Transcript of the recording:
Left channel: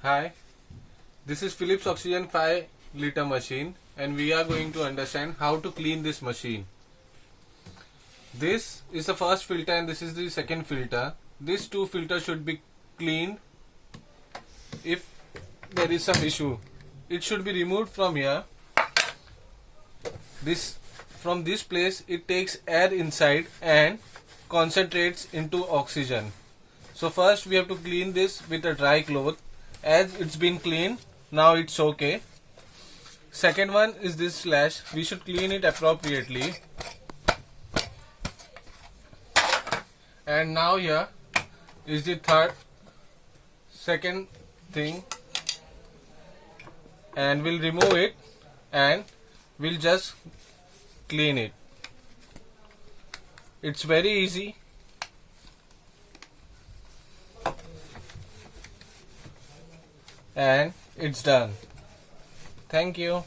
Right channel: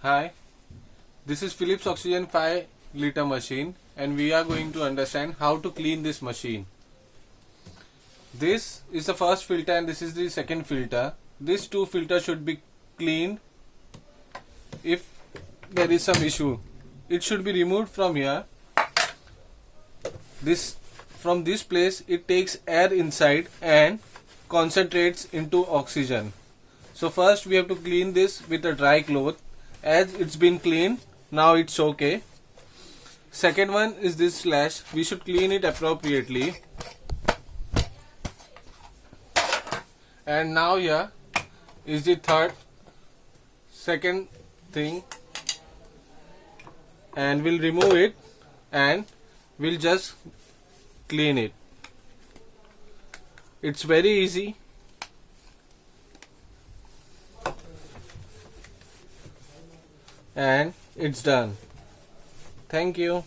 Hi, this is Philips Oxygen 5 liter machine and we are going to understand how to clean this machine. This is the first filter and this is the second filter. These two filters should be cleaned if there is some issue. It should be removed from here. From this place it takes air inside and concentrates into oxygen. So first we have to clean this with a dry cloth. As it's been cleaned, now it's okay. Second one is this slash. We should clean it appropriately. And now here is the second thing, and we'll remove it and we'll just clean it. It's very easy. And it's done. Thank you.